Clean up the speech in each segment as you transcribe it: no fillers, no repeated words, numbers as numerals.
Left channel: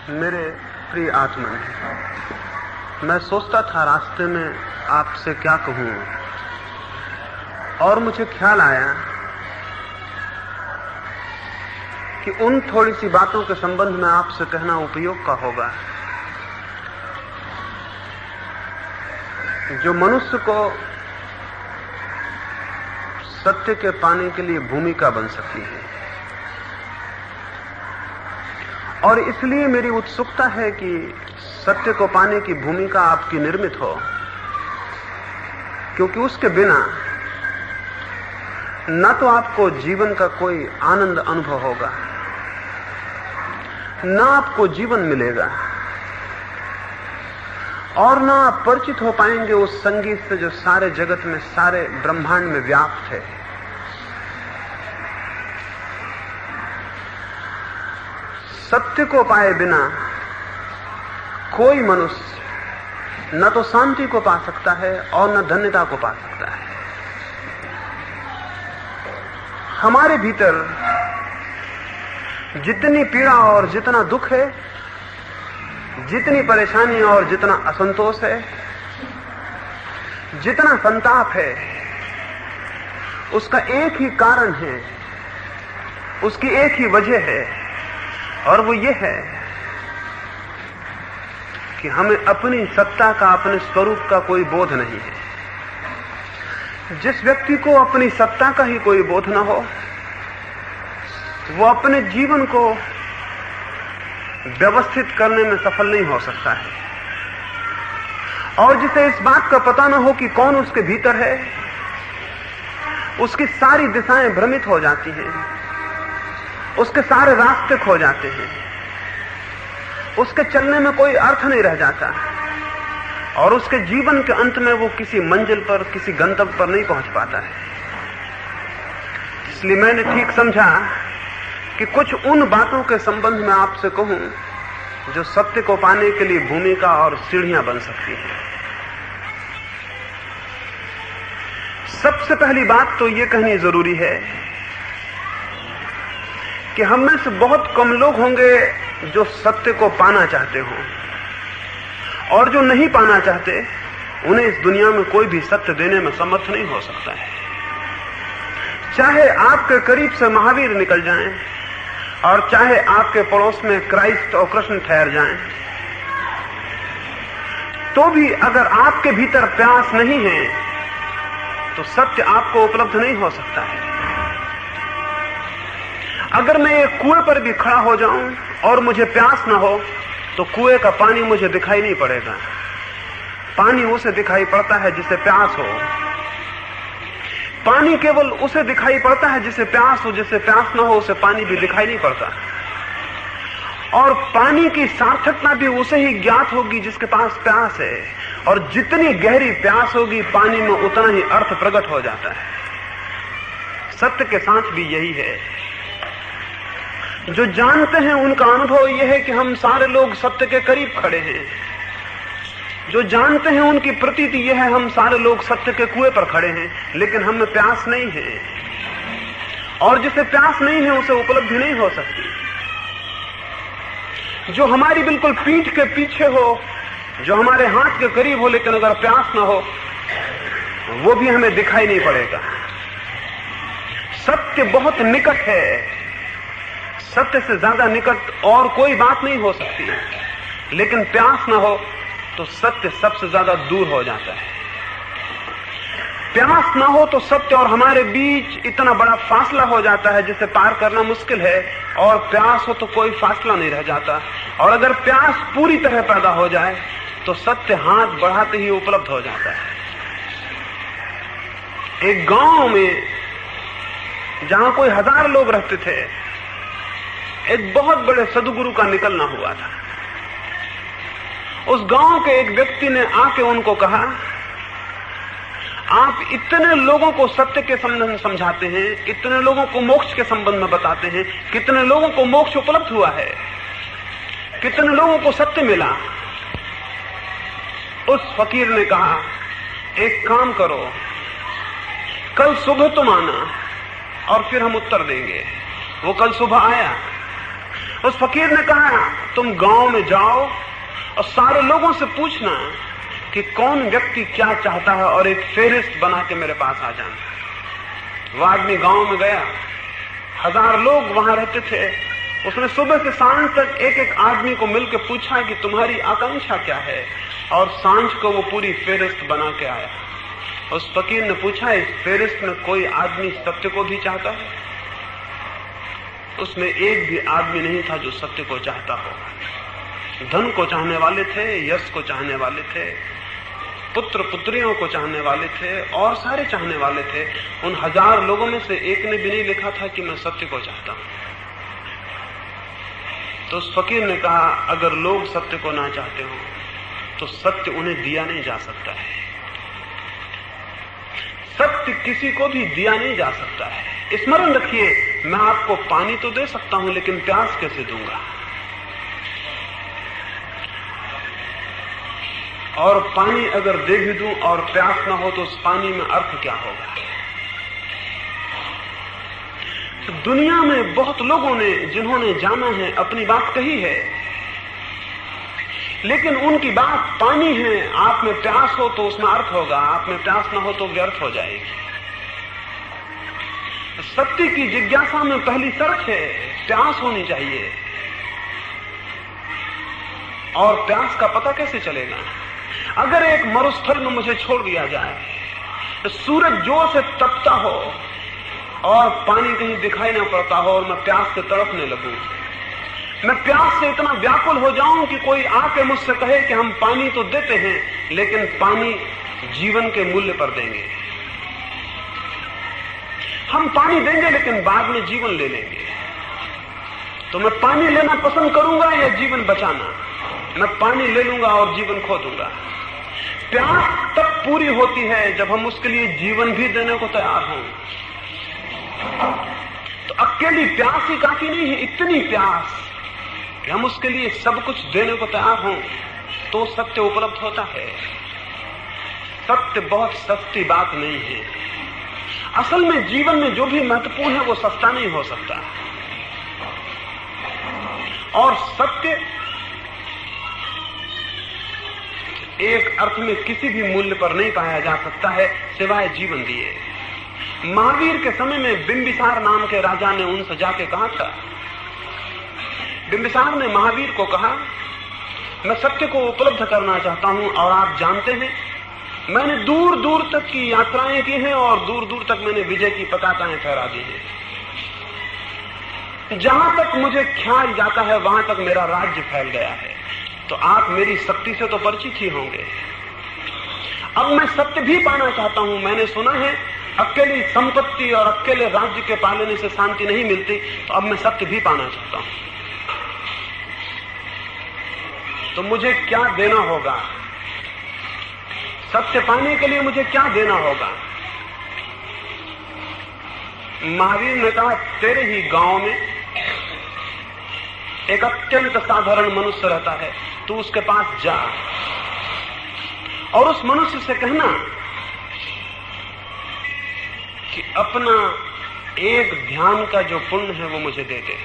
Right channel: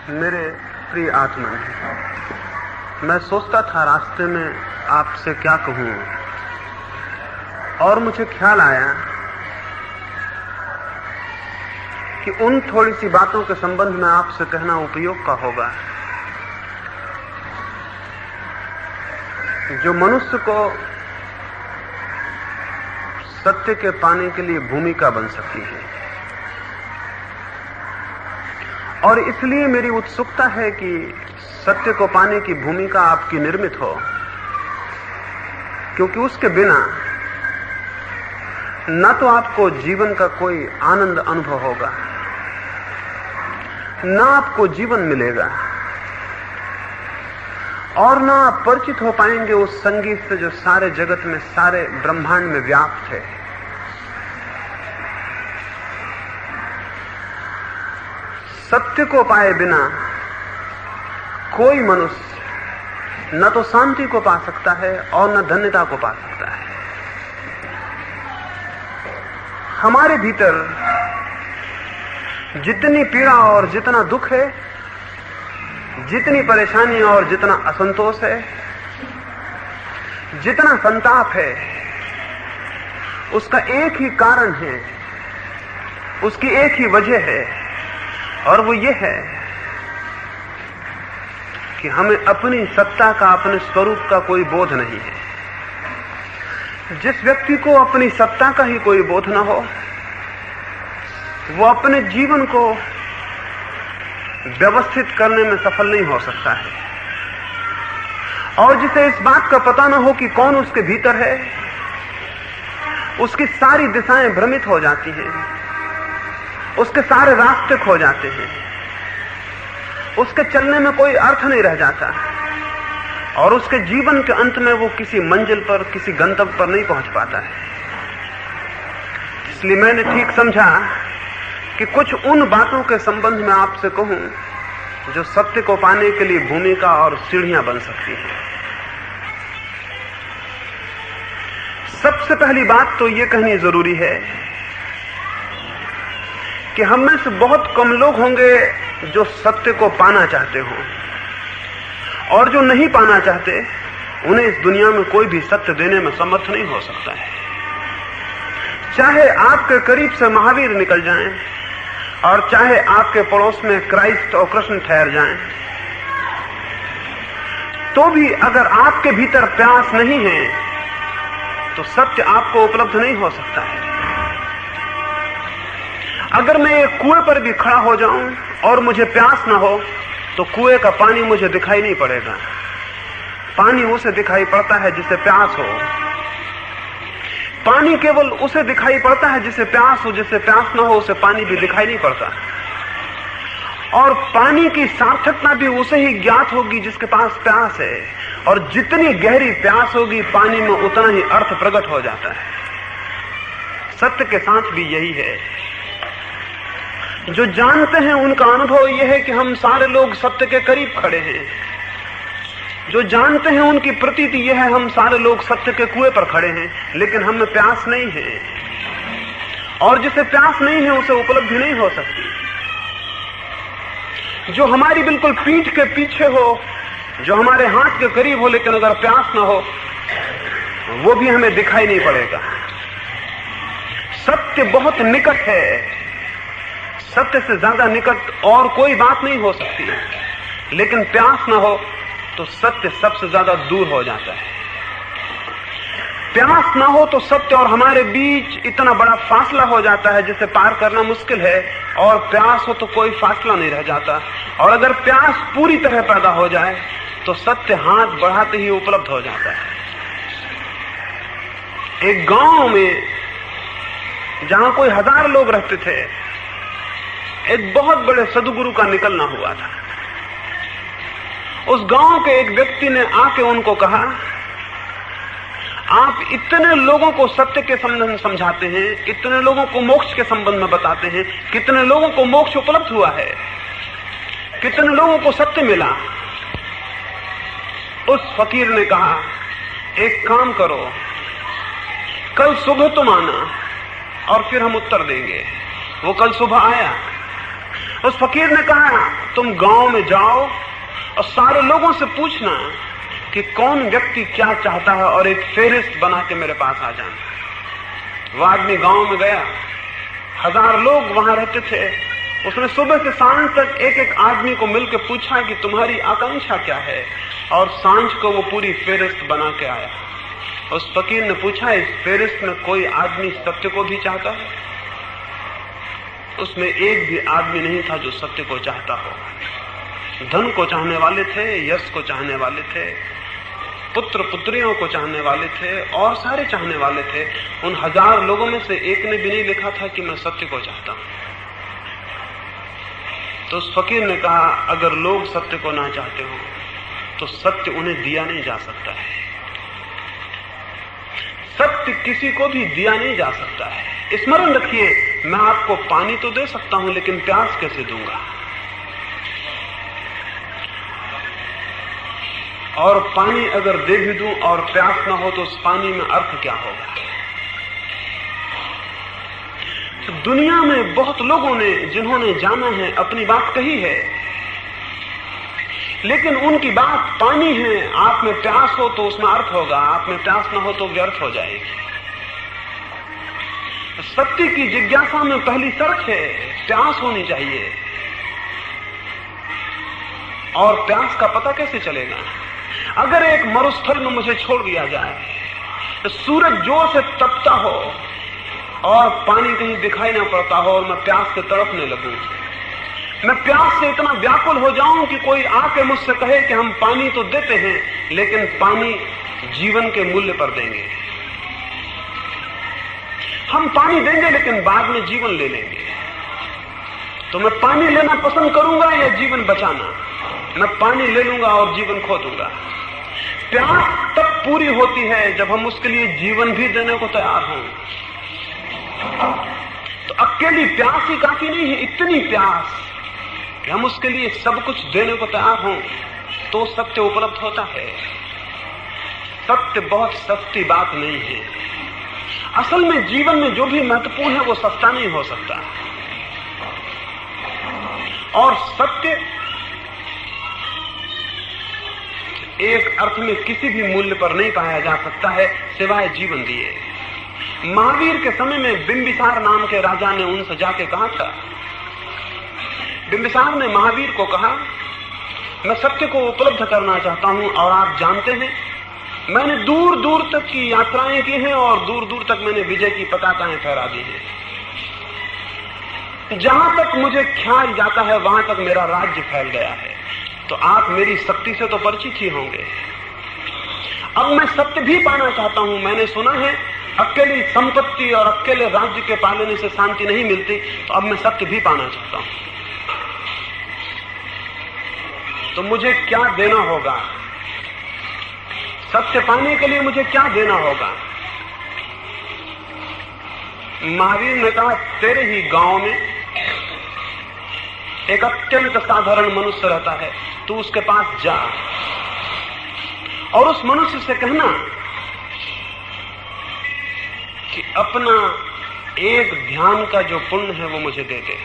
मेरे प्रिय आत्मन, मैं सोचता था रास्ते में आपसे क्या कहूं, और मुझे ख्याल आया कि उन थोड़ी सी बातों के संबंध में आपसे कहना उपयोग का होगा जो मनुष्य को सत्य के पाने के लिए भूमिका बन सकती है। और इसलिए मेरी उत्सुकता है कि सत्य को पाने की भूमिका आपकी निर्मित हो, क्योंकि उसके बिना न तो आपको जीवन का कोई आनंद अनुभव होगा, न आपको जीवन मिलेगा, और न आप परिचित हो पाएंगे उस संगीत से जो सारे जगत में, सारे ब्रह्मांड में व्याप्त है। सत्य को पाए बिना कोई मनुष्य न तो शांति को पा सकता है और न धन्यता को पा सकता है। हमारे भीतर जितनी पीड़ा और जितना दुख है, जितनी परेशानी और जितना असंतोष है, जितना संताप है, उसका एक ही कारण है, उसकी एक ही वजह है, और वो ये है कि हमें अपनी सत्ता का, अपने स्वरूप का कोई बोध नहीं है। जिस व्यक्ति को अपनी सत्ता का ही कोई बोध न हो, वो अपने जीवन को व्यवस्थित करने में सफल नहीं हो सकता है। और जिसे इस बात का पता न हो कि कौन उसके भीतर है, उसकी सारी दिशाएं भ्रमित हो जाती हैं, उसके सारे रास्ते खो जाते हैं, उसके चलने में कोई अर्थ नहीं रह जाता, और उसके जीवन के अंत में वो किसी मंजिल पर, किसी गंतव्य पर नहीं पहुंच पाता है। इसलिए मैंने ठीक समझा कि कुछ उन बातों के संबंध में आपसे कहूं जो सत्य को पाने के लिए भूमिका और सीढ़ियां बन सकती है। सबसे पहली बात तो ये कहनी जरूरी है कि हम में से बहुत कम लोग होंगे जो सत्य को पाना चाहते हों, और जो नहीं पाना चाहते उन्हें इस दुनिया में कोई भी सत्य देने में समर्थ नहीं हो सकता है। चाहे आपके करीब से महावीर निकल जाएं, और चाहे आपके पड़ोस में क्राइस्ट और कृष्ण ठहर जाएं, तो भी अगर आपके भीतर प्यास नहीं है तो सत्य आपको उपलब्ध नहीं हो सकता है। अगर मैं एक कुएं पर भी खड़ा हो जाऊं और मुझे प्यास ना हो तो कुएं का पानी मुझे दिखाई नहीं पड़ेगा। पानी उसे दिखाई पड़ता है जिसे प्यास हो। पानी केवल उसे दिखाई पड़ता है जिसे प्यास हो, जिसे प्यास ना हो उसे पानी भी दिखाई नहीं पड़ता। और पानी की सार्थकता भी उसे ही ज्ञात होगी जिसके पास प्यास है, और जितनी गहरी प्यास होगी पानी में उतना ही अर्थ प्रकट हो जाता है। सत्य के साथ भी यही है। जो जानते हैं उनका अनुभव यह है कि हम सारे लोग सत्य के करीब खड़े हैं। जो जानते हैं उनकी प्रतीति यह है हम सारे लोग सत्य के कुएं पर खड़े हैं, लेकिन हमें प्यास नहीं है, और जिसे प्यास नहीं है उसे उपलब्धि नहीं हो सकती। जो हमारी बिल्कुल पीठ के पीछे हो, जो हमारे हाथ के करीब हो, लेकिन अगर प्यास ना हो वो भी हमें दिखाई नहीं पड़ेगा। सत्य बहुत निकट है, सत्य से ज्यादा निकट और कोई बात नहीं हो सकती, लेकिन प्यास ना हो तो सत्य सबसे ज्यादा दूर हो जाता है। प्यास ना हो तो सत्य और हमारे बीच इतना बड़ा फासला हो जाता है जिसे पार करना मुश्किल है, और प्यास हो तो कोई फासला नहीं रह जाता। और अगर प्यास पूरी तरह पैदा हो जाए तो सत्य हाथ बढ़ाते ही उपलब्ध हो जाता है। एक गांव में जहां कोई 1000 लोग रहते थे, एक बहुत बड़े सदगुरु का निकलना हुआ था। उस गांव के एक व्यक्ति ने आके उनको कहा, आप इतने लोगों को सत्य के संबंध में समझाते हैं, इतने लोगों को मोक्ष के संबंध में बताते हैं, कितने लोगों को मोक्ष उपलब्ध हुआ है, कितने लोगों को सत्य मिला। उस फकीर ने कहा, एक काम करो, कल सुबह तुम आना और फिर हम उत्तर देंगे। वो कल सुबह आया उस फकीर ने कहा, तुम गांव में जाओ और सारे लोगों से पूछना कि कौन व्यक्ति क्या चाहता है और एक फेहरिस्त बना के मेरे पास आ जाना। वो आदमी गांव में गया, 1000 लोग वहां रहते थे। उसने सुबह से सांझ तक एक एक आदमी को मिलकर पूछा कि तुम्हारी आकांक्षा क्या है, और सांझ को वो पूरी फेहरिस्त बना के आया। उस फकीर ने पूछा, इस फेहरिस्त में कोई आदमी सत्य को भी चाहता है? उसमें एक भी आदमी नहीं था जो सत्य को चाहता हो। धन को चाहने वाले थे, यश को चाहने वाले थे, पुत्र पुत्रियों को चाहने वाले थे, और सारे चाहने वाले थे। उन 1000 लोगों में से एक ने भी नहीं लिखा था कि मैं सत्य को चाहता हूं। तो उस फकीर ने कहा, अगर लोग सत्य को ना चाहते हो तो सत्य उन्हें दिया नहीं जा सकता है। सत्य किसी को भी दिया नहीं जा सकता है। स्मरण रखिए, मैं आपको पानी तो दे सकता हूं, लेकिन प्यास कैसे दूंगा? और पानी अगर दे भी दूं और प्यास ना हो तो उस पानी में अर्थ क्या होगा? दुनिया में बहुत लोगों ने, जिन्होंने जाना है, अपनी बात कही है, लेकिन उनकी बात पानी है। आप में प्यास हो तो उसमें अर्थ होगा, आप में प्यास ना हो तो व्यर्थ हो जाएगी। सत्य की जिज्ञासा में पहली शर्त है प्यास होनी चाहिए। और प्यास का पता कैसे चलेगा? अगर एक मरुस्थल में मुझे छोड़ दिया जाए, तो सूरज जोर से तपता हो और पानी कहीं दिखाई ना पड़ता हो और मैं प्यास से तड़पने लगूं, मैं प्यास से इतना व्याकुल हो जाऊं कि कोई आके मुझसे कहे कि हम पानी तो देते हैं, लेकिन पानी जीवन के मूल्य पर देंगे। हम पानी देंगे लेकिन बाद में जीवन ले लेंगे। तो मैं पानी लेना पसंद करूंगा या जीवन बचाना? मैं पानी ले लूंगा और जीवन खो दूंगा। प्यास तब पूरी होती है जब हम उसके लिए जीवन भी देने को तैयार हों। तो अकेली प्यास ही काफी नहीं है, इतनी प्यास कि हम उसके लिए सब कुछ देने को तैयार हों, तो सत्य उपलब्ध होता है। सत्य बहुत सस्ती बात नहीं है। असल में जीवन में जो भी महत्वपूर्ण है वो सस्ता नहीं हो सकता। और सत्य एक अर्थ में किसी भी मूल्य पर नहीं पाया जा सकता है सिवाय जीवन दिए। महावीर के समय में बिंबिसार नाम के राजा ने उनसे जाके कहा था, बिंबिसार ने महावीर को कहा, मैं सत्य को उपलब्ध करना चाहता हूं और आप जानते हैं मैंने दूर दूर तक की यात्राएं की हैं और दूर दूर तक मैंने विजय की पताकाएं फहरा दी हैं। जहां तक मुझे ख्याल जाता है वहां तक मेरा राज्य फैल गया है। तो आप मेरी शक्ति से तो परिचित ही होंगे। अब मैं सत्य भी पाना चाहता हूं। मैंने सुना है अकेली संपत्ति और अकेले राज्य के पालने से शांति नहीं मिलती, तो अब मैं सत्य भी पाना चाहता हूं। तो मुझे क्या देना होगा? सत्य पाने के लिए मुझे क्या देना होगा? महावीर ने कहा, तेरे ही गांव में एक अत्यंत साधारण मनुष्य रहता है, तू उसके पास जा और उस मनुष्य से कहना कि अपना एक ध्यान का जो पुण्य है वो मुझे दे दे।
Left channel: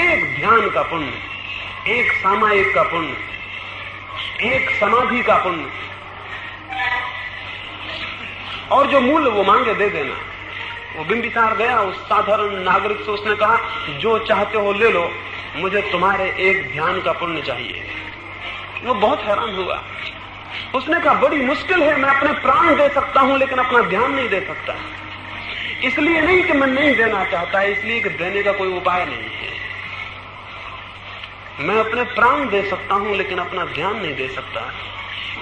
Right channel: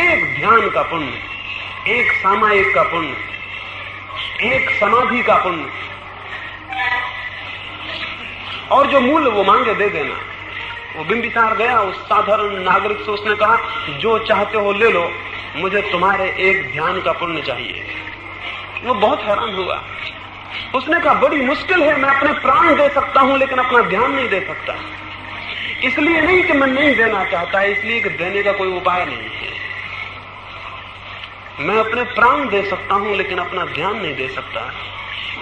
एक ध्यान का पुण्य, एक सामायिक का पुण्य, एक समाधि का पुण्य, और जो मूल्य वो मांगे दे देना। वो बिंबिसार गया उस साधारण नागरिक से, उसने कहा, जो चाहते हो ले लो, मुझे तुम्हारे एक ध्यान का पुण्य चाहिए। वो बहुत हैरान हुआ। उसने कहा, बड़ी मुश्किल है, मैं अपने प्राण दे सकता हूं लेकिन अपना ध्यान नहीं दे सकता। इसलिए नहीं कि मैं नहीं देना चाहता, इसलिए कि देने का कोई उपाय नहीं है। मैं अपने प्राण दे सकता हूं लेकिन अपना ध्यान नहीं दे सकता।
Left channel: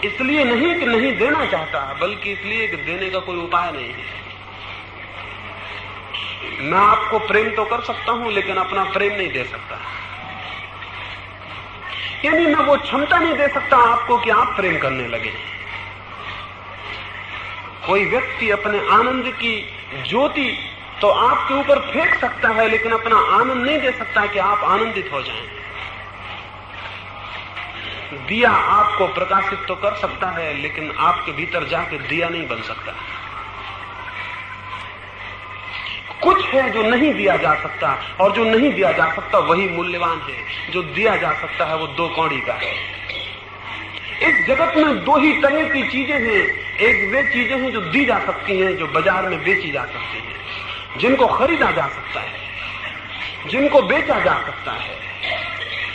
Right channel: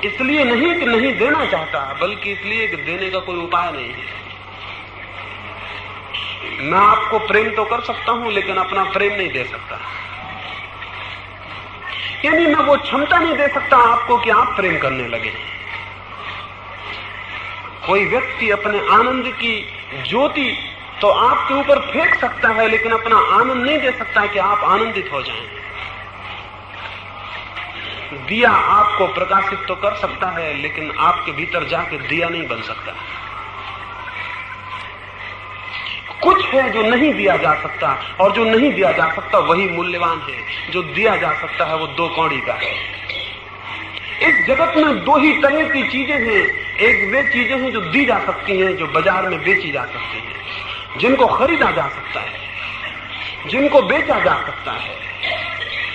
इसलिए नहीं कि नहीं देना चाहता, बल्कि इसलिए कि देने का कोई उपाय नहीं है। मैं आपको प्रेम तो कर सकता हूं लेकिन अपना प्रेम नहीं दे सकता। यानी मैं वो क्षमता नहीं दे सकता आपको कि आप प्रेम करने लगे। कोई व्यक्ति अपने आनंद की ज्योति तो आपके ऊपर फेंक सकता है, लेकिन अपना आनंद नहीं दे सकता कि आप आनंदित हो जाएं। दिया आपको प्रकाशित तो कर सकता है, लेकिन आपके भीतर जाके दिया नहीं बन सकता। कुछ है जो नहीं दिया जा सकता, और जो नहीं दिया जा सकता वही मूल्यवान है। जो दिया जा सकता है वो 2 कौड़ी का है। इस जगत में 2 ही तरह की चीजें हैं। एक वे चीजें हैं जो दी जा सकती हैं, जो बाजार में बेची जा सकती हैं, जिनको खरीदा जा सकता है, जिनको बेचा जा सकता है,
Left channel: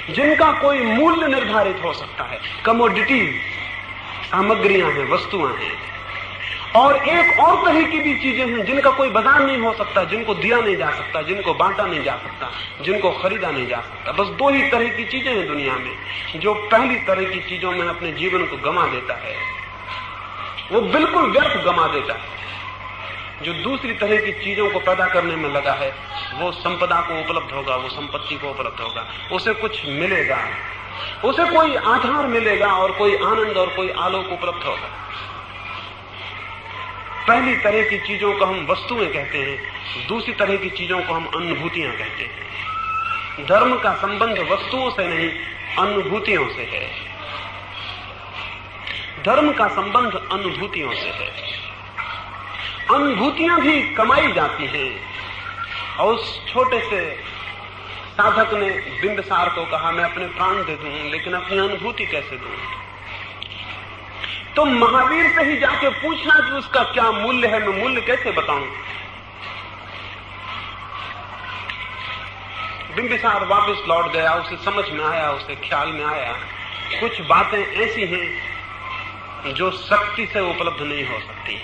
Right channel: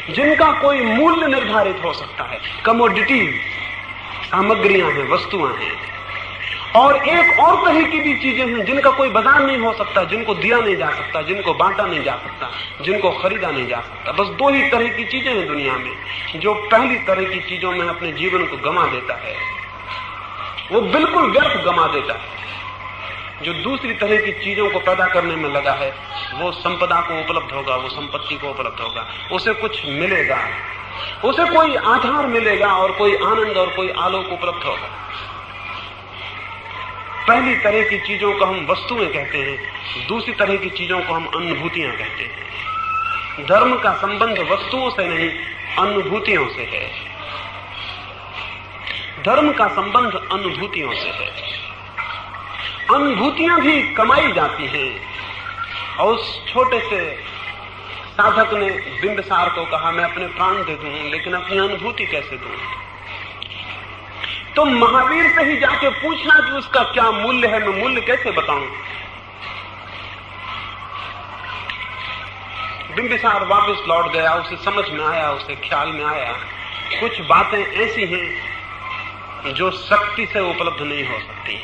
जिनका कोई मूल्य निर्धारित हो सकता है। कमोडिटीज, सामग्रियां हैं, वस्तुएं हैं। और एक और तरह की भी चीजें हैं जिनका कोई बाजार नहीं हो सकता, जिनको दिया नहीं जा सकता, जिनको बांटा नहीं जा सकता, जिनको खरीदा नहीं जा सकता। बस 2 ही तरह की चीजें हैं दुनिया में। जो पहली तरह की चीजों में अपने जीवन को गंवा देता है वो बिल्कुल व्यर्थ गंवा देता है। जो दूसरी तरह की चीजों को पैदा करने में लगा है वो संपदा को उपलब्ध होगा, वो संपत्ति को उपलब्ध होगा, उसे कुछ मिलेगा, उसे कोई आधार मिलेगा और कोई आनंद और कोई आलोक उपलब्ध होगा। पहली तरह की चीजों को हम वस्तुएं कहते हैं, दूसरी तरह की चीजों को हम अनुभूतियां कहते हैं। धर्म का संबंध वस्तुओं से नहीं, अनुभूतियों से है। धर्म का संबंध अनुभूतियों से है। अनुभूतियां भी कमाई जाती हैं। और उस छोटे से साधक ने बिंबिसार को कहा, मैं अपने प्राण दे दूं लेकिन अपनी अनुभूति कैसे दूं? तो महावीर से ही जाके पूछना कि उसका क्या मूल्य है, मैं मूल्य कैसे बताऊं? बिंबिसार वापस लौट गया। उसे समझ में आया, उसे ख्याल में आया कुछ बातें ऐसी हैं जो शक्ति से उपलब्ध नहीं हो सकती।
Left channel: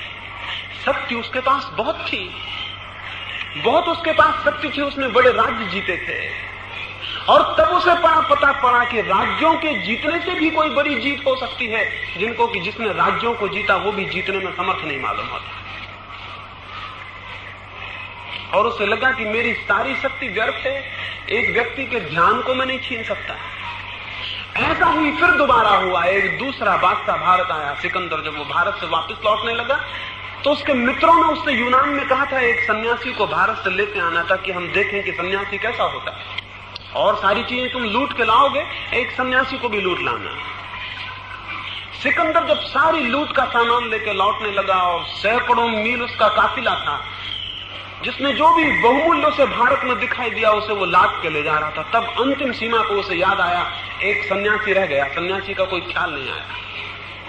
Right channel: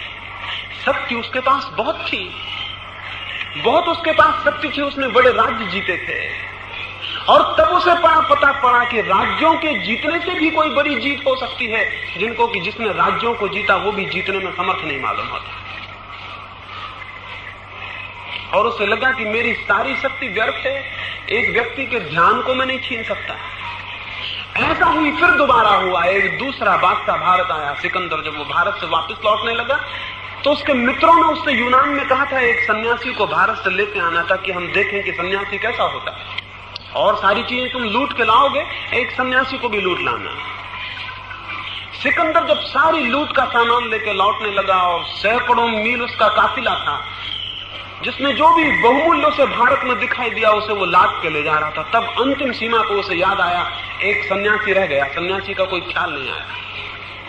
शक्ति उसके पास बहुत थी, बहुत उसके पास शक्ति थी, उसने बड़े राज्य जीते थे। और तब उसे पता पड़ा कि राज्यों के जीतने से भी कोई बड़ी जीत हो सकती है, जिनको कि जिसने राज्यों को जीता वो भी जीतने में समर्थ नहीं मालूम होता। और उसे लगा कि मेरी सारी शक्ति व्यर्थ है, एक व्यक्ति के ध्यान को मैं नहीं छीन सकता। ऐसा ही फिर दोबारा हुआ। एक दूसरा बादशाह भारत आया, सिकंदर। जब वो भारत से वापस लौटने लगा तो उसके मित्रों ने उससे यूनान में कहा था एक सन्यासी को भारत से लेते आना था कि हम देखें कि सन्यासी कैसा होता है, और सारी चीजें तुम लूट के लाओगे, एक सन्यासी को भी लूट लाना। सिकंदर जब सारी लूट का सामान लेकर लौटने लगा और सैकड़ों मील उसका काफिला था, जिसमें जो भी बहुमूल्य उसे भारत में दिखाई दिया उसे वो लाद के ले जा रहा था, तब अंतिम सीमा को उसे याद आया एक सन्यासी रह गया। सन्यासी का कोई ख्याल नहीं आया।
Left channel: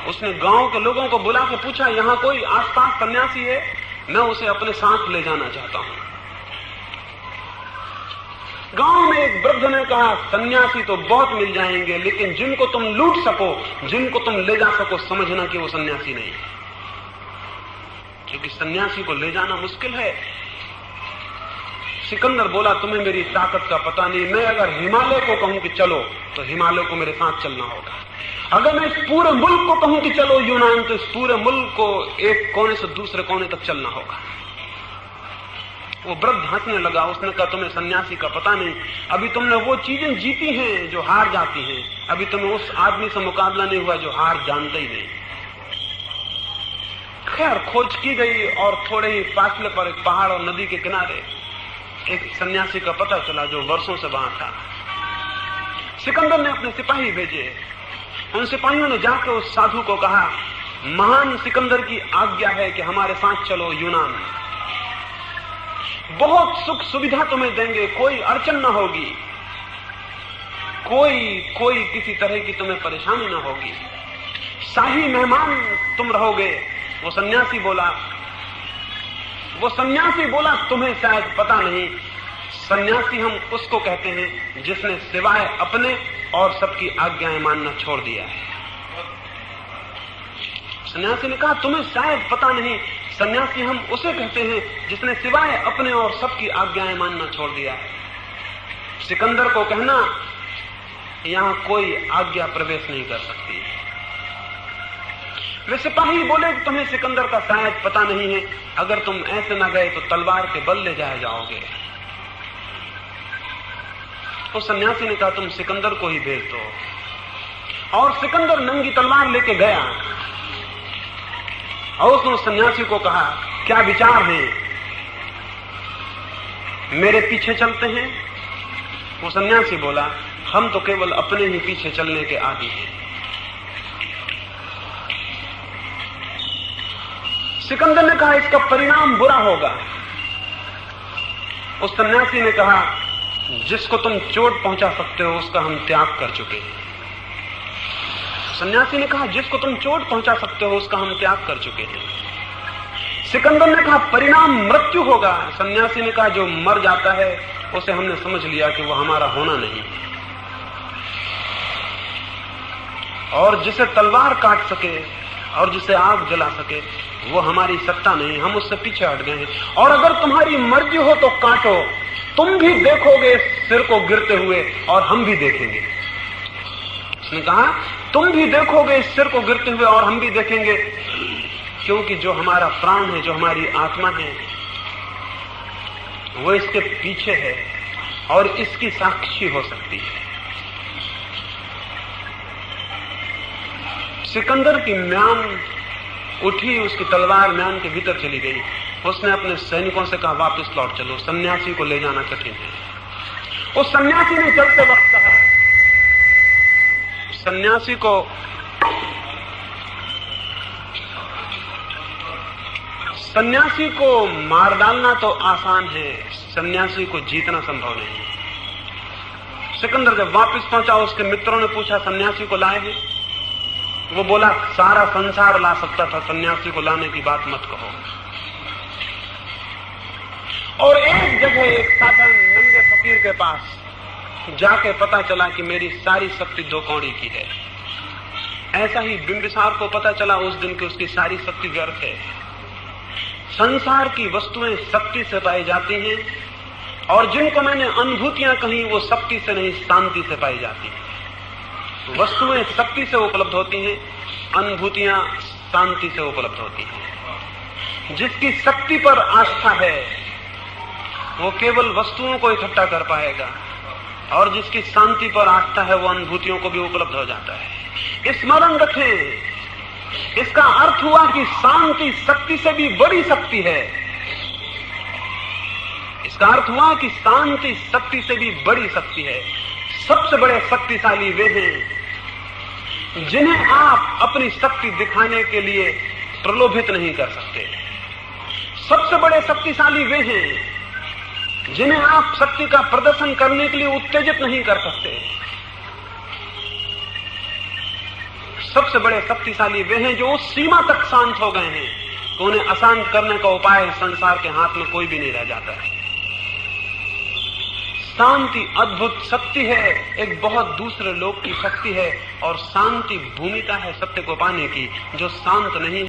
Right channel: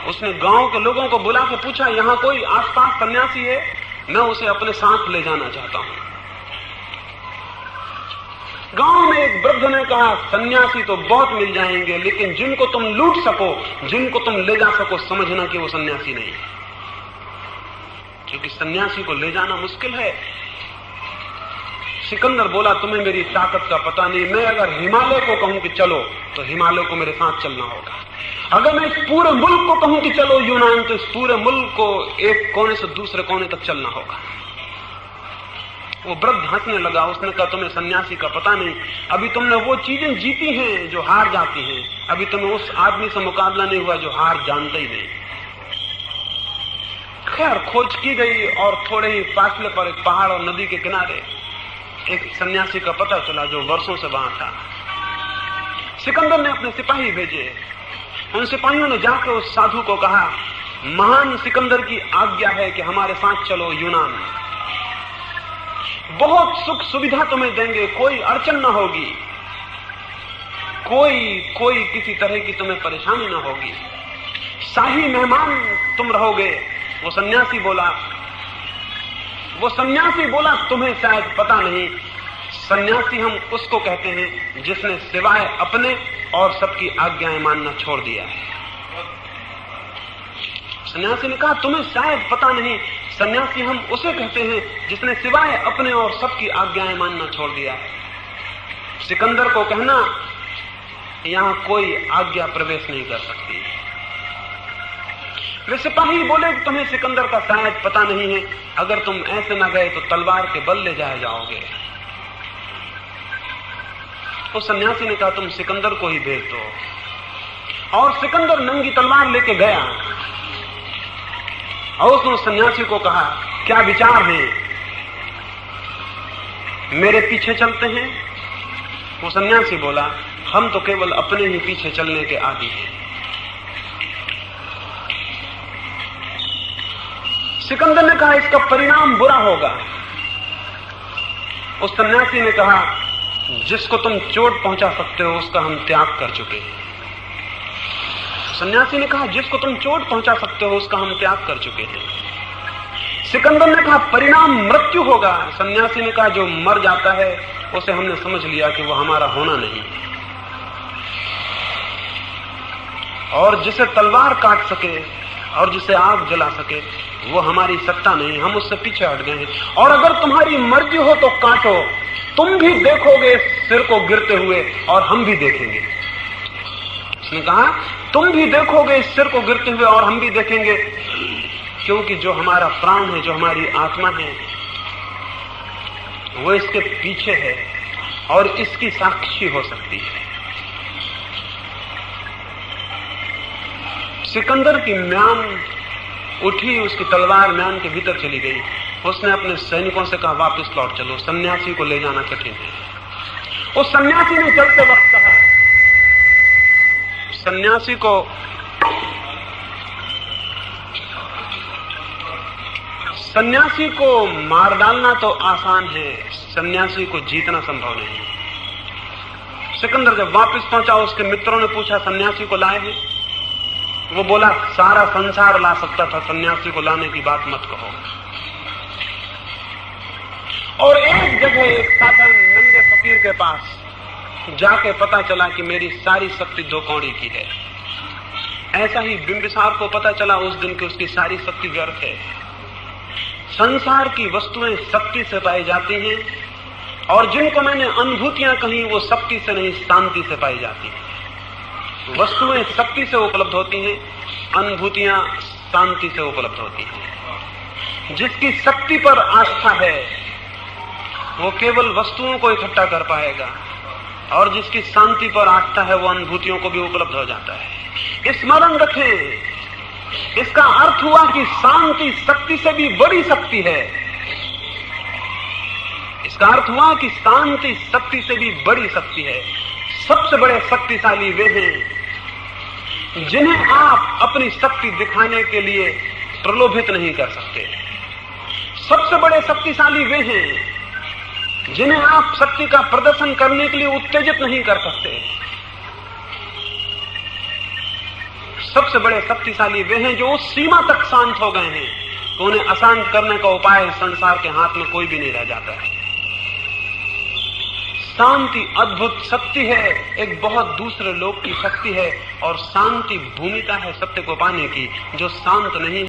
उसने गांव के लोगों को बुला के पूछा, यहां कोई आसपास सन्यासी है? मैं उसे अपने साथ ले जाना चाहता हूं। गांव में एक वृद्ध ने कहा, सन्यासी तो बहुत मिल जाएंगे, लेकिन जिनको तुम लूट सको, जिनको तुम ले जा सको, समझना कि वो सन्यासी नहीं है, क्योंकि सन्यासी को ले जाना मुश्किल है। सिकंदर बोला, तुम्हें मेरी ताकत का पता नहीं। मैं अगर हिमालय को कहूं कि चलो तो हिमालय को मेरे साथ चलना होगा। अगर मैं इस पूरे मुल्क को कहूं कि चलो यूनान, तो इस पूरे मुल्क को एक कोने से दूसरे कोने तक चलना होगा। वो वृद्ध हंसने लगा। उसने कहा, तुम्हें सन्यासी का पता नहीं, अभी तुमने वो चीजें जीती हैं जो हार जाती हैं, अभी तुम्हें उस आदमी से मुकाबला नहीं हुआ जो हार जानता ही नहीं। खैर, खोज की गई और थोड़े ही फासले पर एक पहाड़ और नदी के किनारे एक सन्यासी का पता चला जो वर्षों से वहां था। सिकंदर ने अपने सिपाही भेजे। उन सिपाहियों ने जाकर उस साधु को कहा, महान सिकंदर की आज्ञा है कि हमारे साथ चलो यूनान, बहुत सुख सुविधा तुम्हें देंगे, कोई अड़चन न होगी, कोई किसी तरह की तुम्हें परेशानी न होगी, शाही मेहमान तुम रहोगे। वो सन्यासी बोला, तुम्हें शायद पता नहीं, सन्यासी हम उसको कहते हैं जिसने सिवाय अपने और सबकी आज्ञाएं मानना छोड़ दिया है। सन्यासी ने कहा, तुम्हें शायद पता नहीं, सन्यासी हम उसे कहते हैं जिसने सिवाय अपने और सबकी आज्ञाएं मानना छोड़ दिया है। सिकंदर को कहना, यहां कोई आज्ञा प्रवेश नहीं कर सकती। वे सिपाही बोले कि तुम्हें सिकंदर का शायद पता नहीं है, अगर तुम ऐसे न गए तो तलवार के बल ले जाए जाओगे। तो सन्यासी ने कहा, तुम सिकंदर को ही भेज दो। और सिकंदर नंगी तलवार लेके गया और उसने सन्यासी को कहा, क्या विचार है, मेरे पीछे चलते हैं? वो सन्यासी बोला, हम तो केवल अपने ही पीछे चलने के आदी हैं। सिकंदर ने कहा, इसका परिणाम बुरा होगा। उस सन्यासी ने कहा, जिसको तुम चोट पहुंचा सकते हो उसका हम त्याग कर चुके हैं। सन्यासी ने कहा, जिसको तुम चोट पहुंचा सकते हो उसका हम त्याग कर चुके हैं। सिकंदर ने कहा, परिणाम मृत्यु होगा। सन्यासी ने कहा, जो मर जाता है उसे हमने समझ लिया कि वो हमारा होना नहीं, और जिसे तलवार काट सके और जिसे आग जला सके वो हमारी सत्ता नहीं, हम उससे पीछे हट गए हैं। और अगर तुम्हारी मर्जी हो तो काटो, तुम भी देखोगे सिर को गिरते हुए और हम भी देखेंगे। उसने कहा, तुम भी देखोगे इस सिर को गिरते हुए और हम भी देखेंगे, क्योंकि जो हमारा प्राण है, जो हमारी आत्मा है, वो इसके पीछे है और इसकी साक्षी हो सकती है। सिकंदर की म्यान उठी, उसकी तलवार म्यान के भीतर चली गई। उसने अपने सैनिकों से कहा, वापस लौट चलो, सन्यासी को ले जाना कठिन है। उस सन्यासी ने चलते वक्त कहा, सन्यासी को मार डालना तो आसान है, सन्यासी को जीतना संभव नहीं। सिकंदर जब वापस पहुंचा, उसके मित्रों ने पूछा, सन्यासी को लाए हैं? वो बोला, सारा संसार ला सकता था, सन्यासी को लाने की बात मत कहो। और एक जगह एक साधन नंगे फकीर के पास जाके पता चला कि मेरी सारी शक्ति 2 कौड़ी की है। ऐसा ही बिंबिसार को पता चला उस दिन कि उसकी सारी शक्ति व्यर्थ है। संसार की वस्तुएं शक्ति से पाई जाती हैं, और जिनको मैंने अनुभूतियां कही वो शक्ति से नहीं, शांति से पाई जाती हैं। वस्तुएं शक्ति से उपलब्ध होती हैं, अनुभूतियां शांति से उपलब्ध होती हैं। जिसकी शक्ति पर आस्था है वो केवल वस्तुओं को इकट्ठा कर पाएगा, और जिसकी शांति पर आस्था है वो अनुभूतियों को भी उपलब्ध हो जाता है। स्मरण रखें, इसका अर्थ हुआ कि शांति शक्ति से भी बड़ी शक्ति है। इसका अर्थ हुआ कि शांति शक्ति से भी बड़ी शक्ति है। सबसे बड़े शक्तिशाली वे हैं जिन्हें आप अपनी शक्ति दिखाने के लिए प्रलोभित नहीं कर सकते। सबसे बड़े शक्तिशाली वे हैं जिन्हें आप शक्ति का प्रदर्शन करने के लिए उत्तेजित नहीं कर सकते। सबसे बड़े शक्तिशाली वे हैं जो उस सीमा तक शांत हो गए हैं तो उन्हें अशांत करने का उपाय संसार के हाथ में कोई भी नहीं रह जाता है। शांति अद्भुत शक्ति है, एक बहुत दूसरे लोक की शक्ति है, और शांति भूमिका है सत्य को पाने की। जो शांत नहीं